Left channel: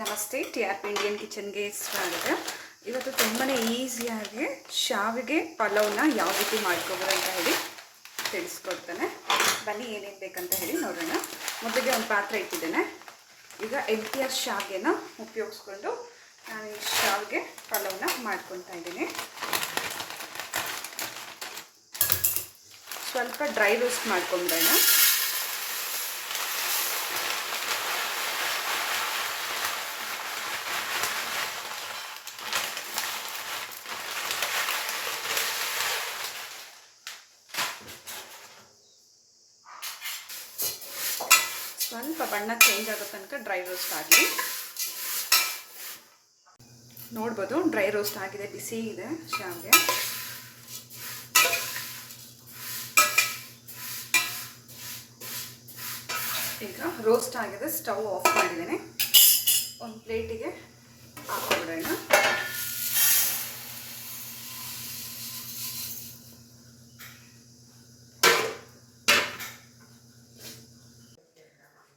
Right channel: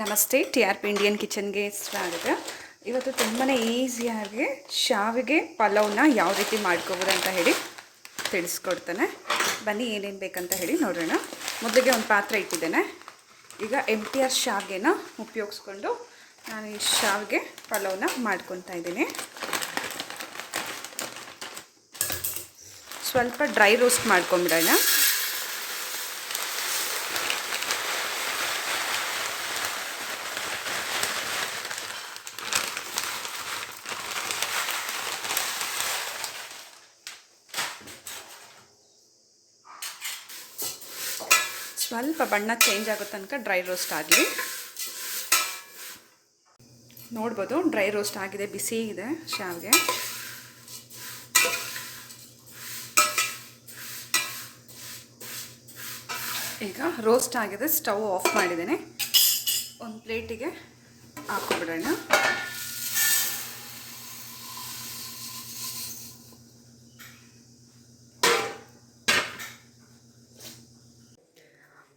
ನಮಸ್ತೆ, T R P Indian ಕಿಚನ್ಗೆ ಸ್ವಾಗತ. ಇವತ್ತು ತುಂಬಾ ಈಸಿಯಾಗಿ ಶಾವಿಗೆ ಪಲಾವ್ನ ಯಾವ ರೀತಿ ಮಾಡ್ಕೋಬೋದು ಅಂತ ಹೇಳಿ ತಿಳಿಸ್ಕೊಡ್ತಾನೆ. ಬನ್ನಿ ಏನೇನು ಬೇಕಂತ ಹೇಳಿ ನೋಡೋಣ. ಮೊದಲಿಗೆ ಒಂದು ಪಾತ್ರೆ ಇಟ್ಟಿದ್ದೇನೆ. ಈಗ ಎಂಟಿಆರ್ ಶಾವಿಗೆನ ಉಪಯೋಗಿಸ್ಕೊಂಡು ನಾನು ಈ ಶಾವಿಗೆ ಪಲಾವ್ನ ಮಾಡ್ಕೊತಾ ಇದ್ದೀನಿ. ಸ್ವಲ್ಪ ಡ್ರೈ ರೋಸ್ಟ್ ಮಾಡ್ಕೊಂಬಿಡೋಣ. ಸ್ವಲ್ಪ ಬಣ್ಣ ಚೇಂಜ್ ಆಗೋ ತನಕ ಡ್ರೈ ರೋಸ್ಟ್ ಆಗಲಿ. ನೋಡ್ಬೋದು ಡ್ರೈ ರೋಸ್ಟ್ ಆಗಿದೆ, ಬಿಸಿ ಇದೆ ಶಾವಿಗೆ. ಈಗ ರೋಸ್ಟ್ ಆಗಿದೆ, ಸ್ಟವ್ ಆಫ್ ಮಾಡಿದ್ದೇನೆ. ಒಂದು ಪ್ಲೇಟಿಗೆ ಹಾಕ್ಬಿಡೋಣ.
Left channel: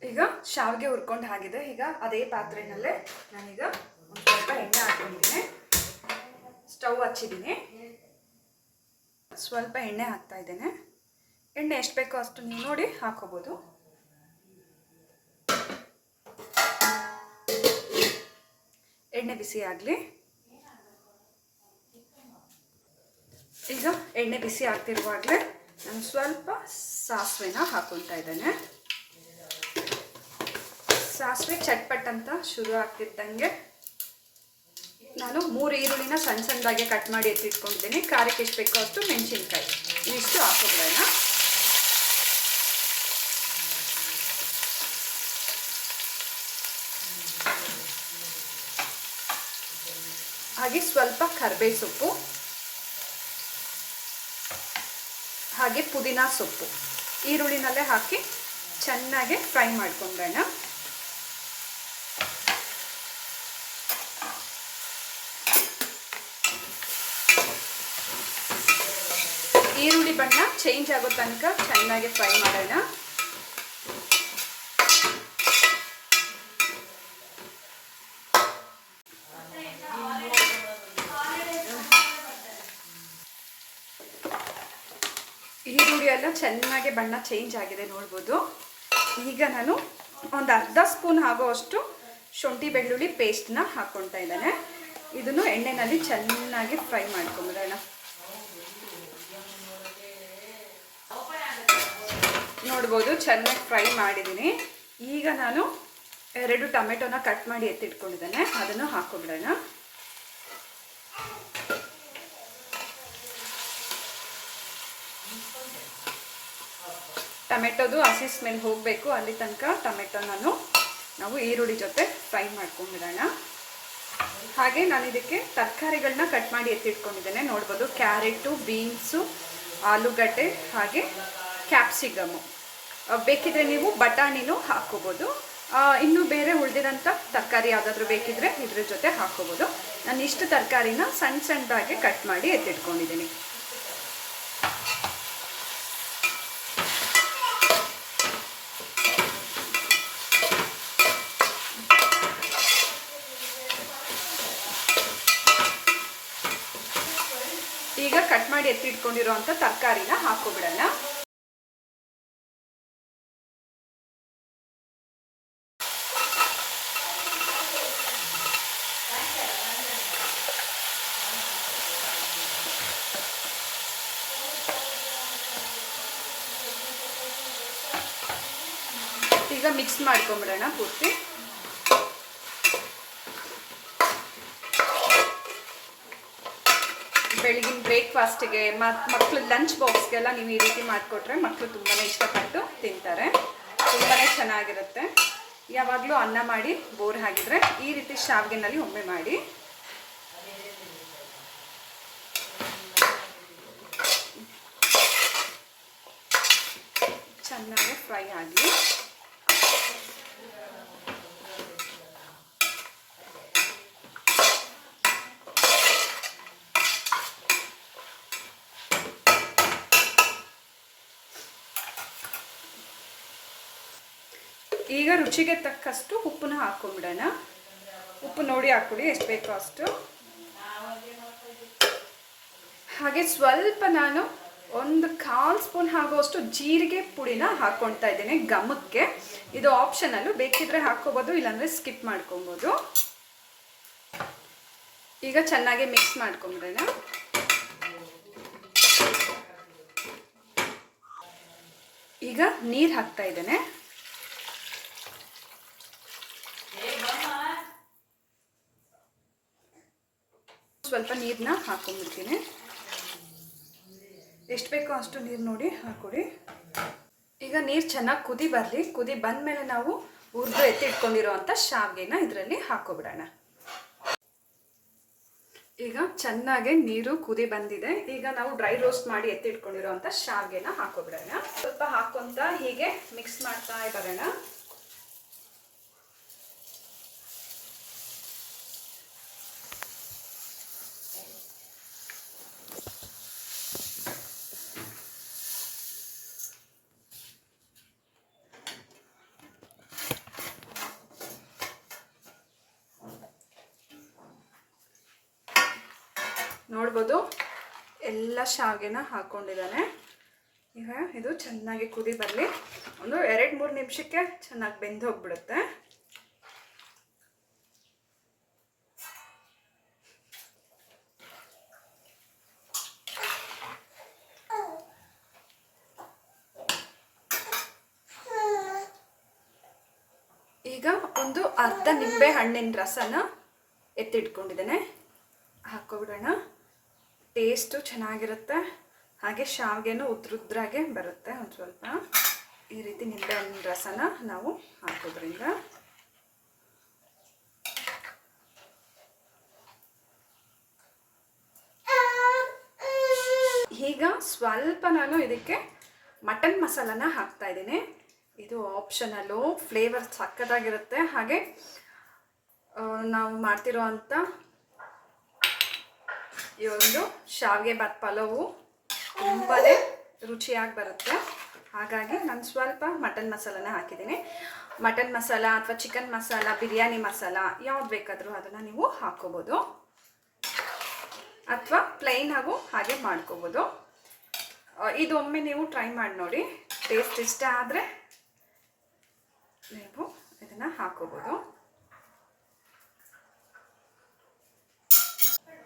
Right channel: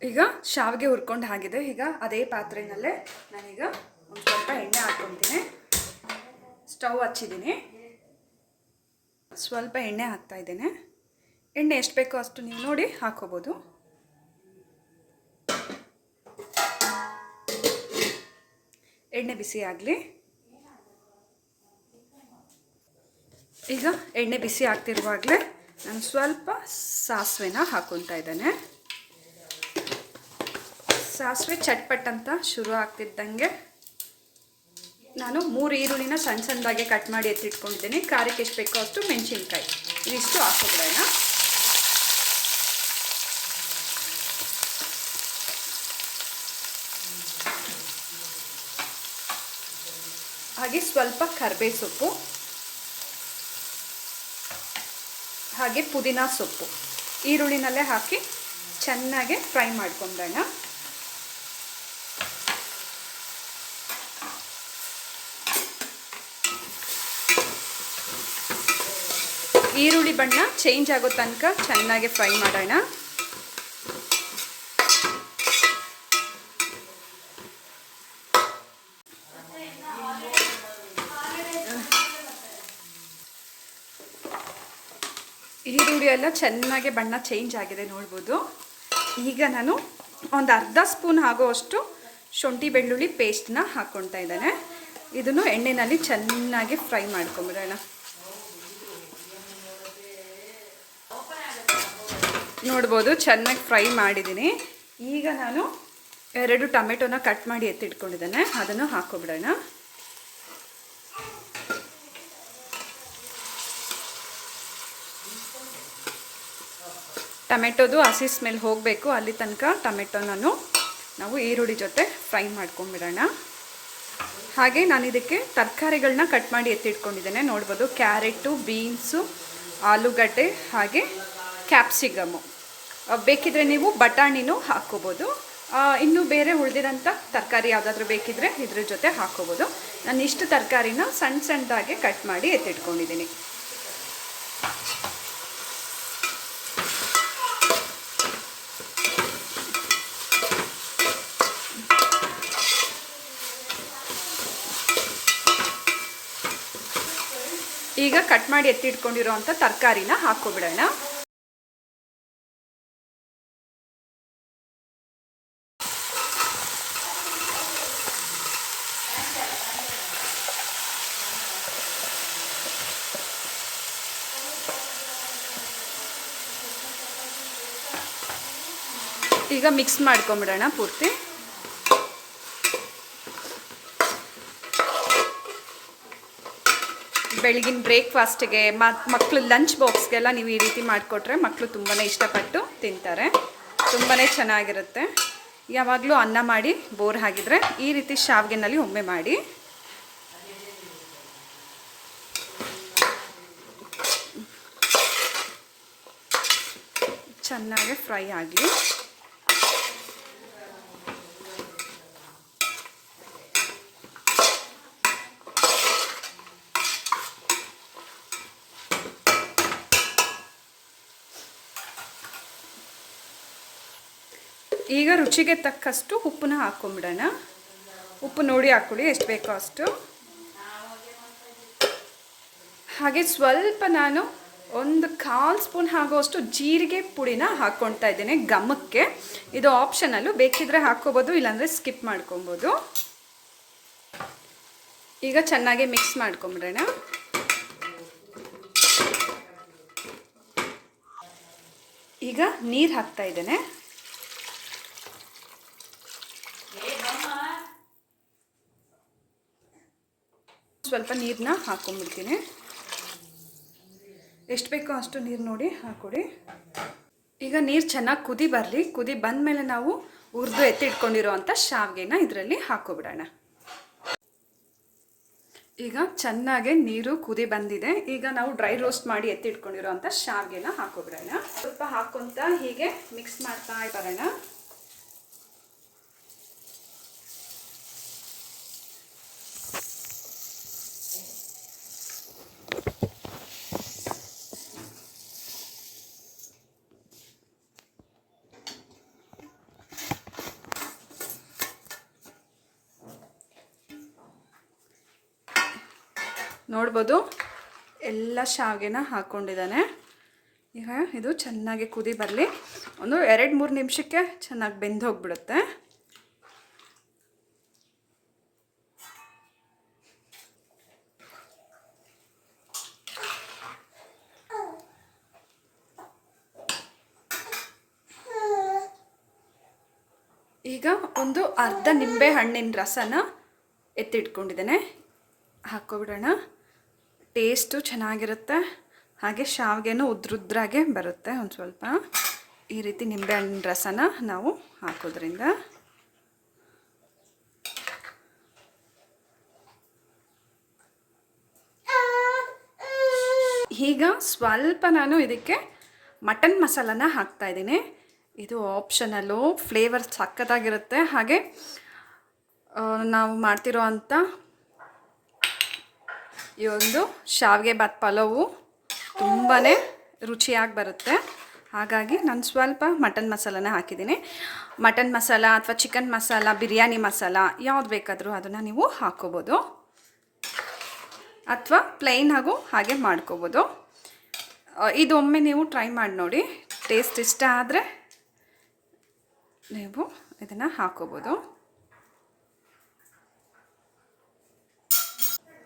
ಈಗ ಶಾವಿಗೆ ಹುರ್ಕೊಂಡು ಆಗಿದೆ. ಈಗ ಅದೇ ಪಾತ್ರೆಯಲ್ಲೇ ನಾನೀಗ ಒಂದು ಸ್ವಲ್ಪ ಎಣ್ಣೆ ಹಾಕ್ಕೊಂಡಿದ್ದೀನಿ. ಸ್ಟವ್ ಹಚ್ಚಿದ್ದೀನಿ. ಸ್ವಲ್ಪ ಎಣ್ಣೆ ಹಾಕ್ತಾ ಇದ್ದೇನೆ. ಎಣ್ಣೆ ಎಷ್ಟು ಬೇಕೋ ಅಷ್ಟು ನೀವು ನೋಡಿ ಹಾಕೋಬೋದು. ಎಣ್ಣೆ ಬಿಸಿ ಆಗಲಿ. ಈಗ ಎಣ್ಣೆ ಬಿಸಿ ಆಗ್ತಿರುವಾಗಲೇ ನಾನು ಸ್ವಲ್ಪ ಸಾಸಿವೆನ ಹಾಕ್ಕೊತಾ ಇದ್ದೇನೆ. ಸಾಸಿವೆ ಚಟ್ಪಟ್ ಅಂತ ಶುರು ಆಗ್ತಿದ್ದಂಗೆ ನಾನು 3 ಈರುಳ್ಳಿನ ಸಣ್ಣ ಸಣ್ಣದಾಗಿ ಕಟ್ ಮಾಡಿ ಎತ್ತಿಟ್ಕೊಂಡಿದ್ದೀನಿ. ಖಾರಕ್ಕೆ ಎಷ್ಟು ಬೇಕೋ ಅಷ್ಟು ಮೆಣಸಿನ್ಕಾಯಿ ಇವಿಷ್ಟು ಹಾಕೋಬಿಡೋಣ. ಹಾಗೆ ಸ್ವಲ್ಪ ಕರಿಬೇವು ಸೊಪ್ಪು, ಹಾಗೆ ಪುದೀನ ಸೊಪ್ಪು ಈರುಳ್ಳಿನಲ್ಲೇ ಹಾಕಿ ಚೆನ್ನಾಗಿ ಫ್ರೈ ಮಾಡ್ಕೊಂಬೇಡ. ಈರುಳ್ಳಿ ಬಣ್ಣ ಚೇಂಜ್ ಆಗೋ ತನಕ ಚೆನ್ನಾಗಿ ಫ್ರೈ ಮಾಡೋಣ. ಈರುಳ್ಳಿ ಎಲ್ಲ ಚೆನ್ನಾಗಿ ಬಣ್ಣ ಚೇಂಜ್ ಆಗಿದೆ ನೋಡ್ಬೋದು. ಈಗ ನಾನು ಒಂದು ಅರ್ಧ ಸ್ಪೂನ್ ಆಗೋವಷ್ಟು ಶುಂಠಿ ಬೆಳ್ಳುಳ್ಳಿ ಪೇಸ್ಟ್ನ ಹಾಕ್ಕೊಳ್ತಾ ಇದ್ದೇನೆ. ಇದನ್ನು ಎಣ್ಣೆಯಲ್ಲಿ ಚೆನ್ನಾಗಿ ಫ್ರೈ ಮಾಡ್ಕೊಂಬಿಡೋಣ. ನೋಡ್ಬೋದು ಚೆನ್ನಾಗಿ ಫ್ರೈ ಮಾಡಿದ್ದೀನಿ. ಈಗ ನಾನು 2 ಟೊಮೆಟೊನ ಕಟ್ ಮಾಡಿ ಎತ್ತಿಟ್ಕೊಂಡಿದ್ದೇನೆ, ಅದನ್ನು ಹಾಕೋಬಿಡೋಣ. ಟೊಮೆಟೊದು ಹಸಿ ಸ್ಮೆಲ್ ಹೋಗಬೇಕು, ಅಲ್ಲಿ ತನಕ ಟೊಮೆಟೊನೂ ನಾವು ಈರುಳ್ಳಿ ಜೊತೆ ಫ್ರೈ ಮಾಡ್ಕೊಂಬಿಡೋಣ. ಹಾಗೆ ನಾನು ಇದಕ್ಕೆ ತರಕಾರಿಗಳನ್ನ ಕಟ್ ಮಾಡಿ ಎತ್ತಿಟ್ಕೊಂಡಿದ್ದೇನೆ. ನೋಡ್ಬೋದು ಕ್ಯಾರೆಟು, ಬೀನ್ಸು, ಆಲೂಗಡ್ಡೆ ಹಾಗೆ ಕ್ಯಾಪ್ಸಿಕಮ್ಮು. ಬೇಕಿದ್ರೆ ನೀವು ಬಟಾಣಿನೂ ಹಾಕ್ಕೋಬೋದು. ಇನ್ನೂ ಬೇರೆ ಉಳಿದಿರೋಂಥ ತರಕಾರಿ ಯಾವುದಾದ್ರೂ ಬೇಕಿದ್ರೆ ಇದ್ರ ಜೊತೆ ಹಾಕ್ಕೋಬೋದು. ನಾನು ಇಷ್ಟು ತರಕಾರಿನ ಸಣ್ಣ ಸಣ್ಣದಾಗಿ ಕಟ್ ಮಾಡಿ ಎತ್ತಿಟ್ಕೊಂಡಿದ್ದೀನಿ. ಈಗ ಕಟ್ ಮಾಡಿ ಎತ್ತಿಟ್ಕೊಂಡಿರೋ ಅಂಥ ತರಕಾರಿನ ಹಾಕ್ಕೊಬಿಡೋಣ. ಈಗ ಮಿಕ್ಸ್ ಮಾಡ್ಕೊಂಬಿಡೋಣ ಪೂರ್ತಿ. ಬೆಳಗಿನ ಬ್ರೇಕ್ಫಾಸ್ಟ್ಗೆ ಮಕ್ಕಳು ಲಂಚ್ ಬಾಕ್ಸ್ಗೆಲ್ಲ ನೀವು ಈ ರೀತಿ ಮಾಡಿಕೊಟ್ರೆ ಮಕ್ಕಳು ತುಂಬಾ ಇಷ್ಟಪಟ್ಟು ತಿಂತಾರೆ. ತುಂಬಾ ಚೆನ್ನಾಗಿರುತ್ತೆ. ಯಾವಾಗಲೂ ಅನ್ನ ಮಾಡಿ ಬೋರ್ ಆಗಿದ್ರೆ ಈ ರೀತಿ ಶಾವಿಗೆನಲ್ಲಿ ಒಮ್ಮೆ ಮಾಡಿ. ಚೆನ್ನಾಗಿ ಫ್ರೈ ಆಗಲಿ. ಈಗ ರುಚಿಗೆ ತಕ್ಕಷ್ಟು ಉಪ್ಪನ್ನ ಹಾಕೊಂಡ್ಬಿಡೋಣ. ಉಪ್ಪು ನೋಡಿ ಹಾಕ್ಕೊಳ್ಳಿ ಎಷ್ಟು ಬೇಕೋ ಅಷ್ಟು. ಹಾಗೆ ಸ್ವಲ್ಪ ನಾನು ಒಂದು 1/4 ಸ್ಪೂನ್ ಆಗೋಷ್ಟು ಜೀರಿಗೆ ಪುಡಿನ ಹಾಕ್ಕೊಳ್ತಾ ಇದ್ದೇನೆ ಘಮಕ್ಕೆ. ಇದು ಆಪ್ಷನಲ್ಲು, ಬೇಕಿದ್ರೆ ಹಾಕ್ಕೋಬೋದು, ಇಲ್ಲಾಂದರೆ ಸ್ಕಿಪ್ ಮಾಡ್ಕೊಬೋದು. ಈಗ ಚೆನ್ನಾಗಿ ಮಿಕ್ಸ್ ಮಾಡ್ಕೊಂಬಿಡೋಣ. ಈಗ ನೀರು ಹಾಕ್ತಾ ಇದ್ದೇನೆ. ಸ್ವಲ್ಪ ನೀರನ್ನ ಹಾಕ್ಕೊಂಡ್ಬಿಡ್ತೀನಿ. ಎಷ್ಟು ಬೇಕೋ ಅಷ್ಟು ನೀರು ನೋಡಿ ಹಾಕ್ಕೊಡಿ. ಈಗ ನೀರು ಚೆನ್ನಾಗಿ ಕುದಿ ಬರಲಿ. ಕುದಿ ಬಂದಮೇಲೆ ನಾವು ಹುರಿದು ಎತ್ತಿಟ್ಕೊಂಡಿರೋವಂಥ ಶಾವಿಗೆನ ಇದರಲ್ಲಿ ಹಾಕ್ಕೊಬಿಡೋಣ. ಈಗ ಚೆನ್ನಾಗಿ ನೀರು ಕುದಿ ಬಂದಿದೆ. ಈಗ ನಾವು ಡ್ರೈ ರೋಸ್ಟ್ ಮಾಡಿ ಎತ್ತಿಟ್ಕೊಂಡಿರೋವಂಥ ಶಾವಿಗೆನ ಹಾಕ್ಕೊಬಿಡೋಣ. ಸ್ವಲ್ಪ ಹಾಕ್ಕೊತ ಹೀಗೆ ಮಿಕ್ಸ್ ಮಾಡ್ತಾ ಬರೋಣ. ನೋಡ್ಬೋದು ಎಲ್ಲ ಶಾವಿಗೆನ ಹಾಕ್ಕೊಂಡಿದ್ದಾನೆ. ಈಗ ಇದು ಚೆನ್ನಾಗಿ ಕುದಿ ಬರಲಿ. ಒಂದು 2-3 ನಿಮಿಷಕ್ಕೆ ಚೆನ್ನಾಗಿ ಬೆಂದು ಹೋಗ್ಬಿಡುತ್ತೆ. ಈಗ ಒಂದು ಅರ್ಧ ನಿಂಬೆ ಹಣ್ಣಿನ ರಸನ ಎತ್ತಿಟ್ಕೊಂಡಿದ್ದೇನೆ, ಹಾಕ್ಕೊಬಿಡೋಣ. ಟೇಸ್ಟು ಚೆನ್ನಾಗಿರುತ್ತೆ. ಹಾಗೆ ಶಾವಿಗೆನೂ ಉದ್ರುದ್ರಾಗೆ ಬರುತ್ತೆ. ಒಂದು ಸ್ವಲ್ಪ ಈ ರೀತಿ ನಿಂಬೆಹಣ್ಣಿನ ರಸನ ನಾವು ಹಾಕೋದ್ರಿಂದ. ಈಗ ಸ್ವಲ್ಪ ನಾನು ಇದಕ್ಕೆ ಮಟನ್ ಮಸಾಲಾನ ಹಾಕ್ತಾಯಿದ್ದೀನಿ. ಇದು ಆಪ್ಷನಲ್ಲು, ಫ್ಲೇವರ್ ಸಕ್ಕತ್ತಾಗಿರುತ್ತೆ. ಹಾಗೆ ನಾವು ಮಾಡ್ತಿರೋ ಅಂಥ ಈ ಒಂದು ಶಾವಿಗೆ ಬಾತ್ ಪಲಾವು ತುಂಬಾ ರುಚಿಯಾಗಿ ಬರುತ್ತೆ. ಹಾಗಾಗಿ ನಾನು ಸ್ವಲ್ಪ ಮಟನ್ ಮಸಾಲಾನ ಹಾಕಿದ್ದೀನಿ. ಮಟನ್ ಮಸಾಲ ಅಥವಾ ಚಿಕನ್ ಮಸಾಲ, ಬಿರಿಯಾನಿ ಮಸಾಲ ಯಾವ್ದು ಬೇಕಾದರೂ ಅದನ್ನು ನೀವು ಹಾಕ್ಕೋಬೋದು, ಅಥವಾ ಪ್ಲೈನ್ ಹಾಗೂ ಹಾಗೆ ಮಾಡ್ಕೋಬೋದು. ಇದು ಒಮ್ಮೆ ನೀವು ಟ್ರೈ ಮಾಡಿ ನೋಡಿ. ಟೇಸ್ಟ್ ಇಷ್ಟ ಆದರೆ ನೀವು ಇದನ್ನು ಹಾಕ್ಕೋಬೋದು.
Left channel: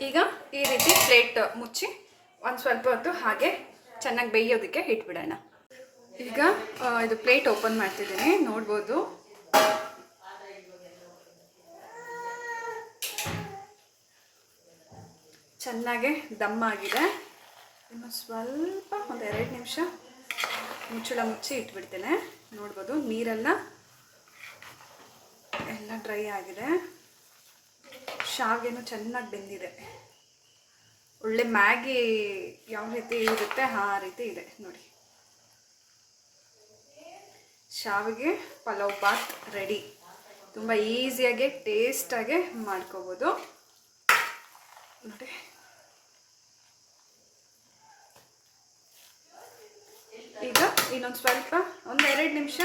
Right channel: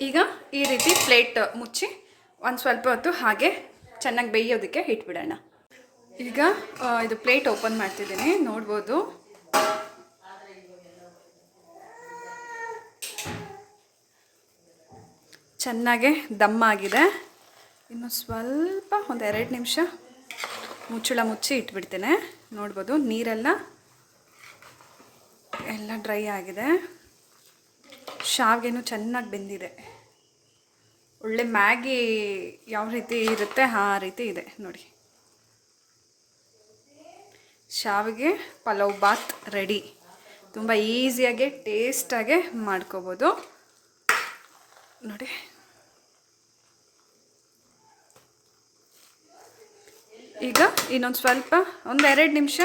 ಈಗ ಈ ರೀತಿ ಪ್ಲೇಟ್ ಮುಚ್ಚಿ ಒಂದು ಸ್ವಲ್ಪ ಹೊತ್ತು ಹಾಗೆ ಚೆನ್ನಾಗಿ ಬೇಯೋದಕ್ಕೆ ಇಟ್ಬಿಡೋಣ. ಈಗ ಇದು ಪ್ಲೇಟ್ ಓಪನ್ ಮಾಡ್ತಿದ್ದೀನಿ. ನೋಡ್ಬೋದು ಚೆನ್ನಾಗೆ ದಮ್ಮಾಗಿದೆ. ಇನ್ನು ಸ್ವಲ್ಪ ಒಂದು 2 ನಿಮಿಷ ಮುಚ್ಚಳ ಮುಚ್ಚಿ ಇಟ್ಬಿಡ್ತೇನೆ. ನೋಡ್ಬೋದು ನೀರೆಲ್ಲ ಡ್ರೈ ಆಗಿದೆ. ಶಾವಿಗೆನೂ ಚೆನ್ನಾಗಿ ಬೆಂದಿದೆ. ಒಳ್ಳೆ ಮ್ಯಾಗಿ ಯಾವ ರೀತಿ ಇರುತ್ತೆ ಆ ರೀತಿ ಇದೆ ನೋಡಿ. ಶಾವಿಗೆ ಪಲಾವ್ ಬಾತ್ ರೆಡಿ. ತುಂಬ ಈಸಿಯಾಗಿ ಟೇಸ್ಟಾಗೆ ಮಾಡ್ಕೋಬೋದು ನೋಡಿ. ಈಗ ಇನ್ನೊಂದು ಸ್ವಲ್ಪ ಒಂದು 2 ನಿಮಿಷ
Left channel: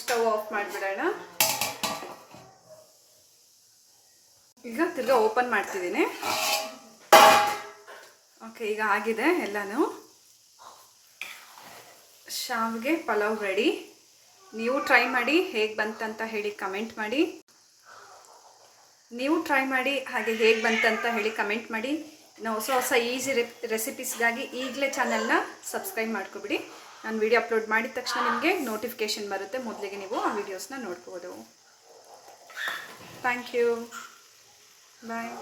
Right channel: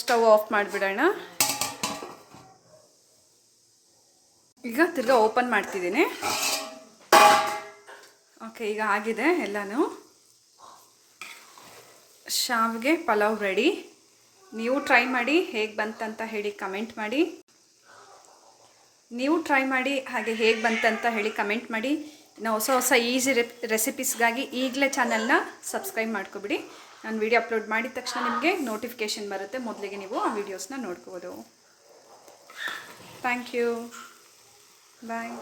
ಸ್ಟವ್ ಆಫ್ ಮಾಡಿಬಿಡೋಣ. ಈಗ ತಿರ್ಗಾ ಓಪನ್ ಮಾಡ್ತಿದ್ದೀನಿ. ಓಕೆ, ಈಗ ಆಗಿದೆ ಎಲ್ಲನೂ. ಶಾವಿಗೆ ಪಲಾವ್ ರೆಡಿ. ನೀವು ಟ್ರೈ ಮಾಡಿ, ಹೇಗೆ ಬಂತಂತ ಹೇಳಿ ಕಮೆಂಟ್ ಮಾಡಿ. ಇನ್ನು ಹೊಸ ಈಸಿ ರೆಸಿಪೀಸ್ಗಾಗಿ ಈಗಲೇ ಚಾನಲ್ನ ಸಬ್ಸ್ಕ್ರೈಬ್ ಮಾಡ್ಕೊಬಿಡಿ. ನಾನು ವಿಡಿಯೋ ಅಪ್ಲೋಡ್ ಮಾಡಿದ ತಕ್ಷಣ ನಿಮಗೆ ನೋಟಿಫಿಕೇಷನ್ ಬರುತ್ತೆ. ಮೊದಲಿಗೆ ನೀವು ಆ ವಿಡಿಯೋಸ್ನ ನೋಡ್ಬೋದು. Thank you. ಬಾಯ್.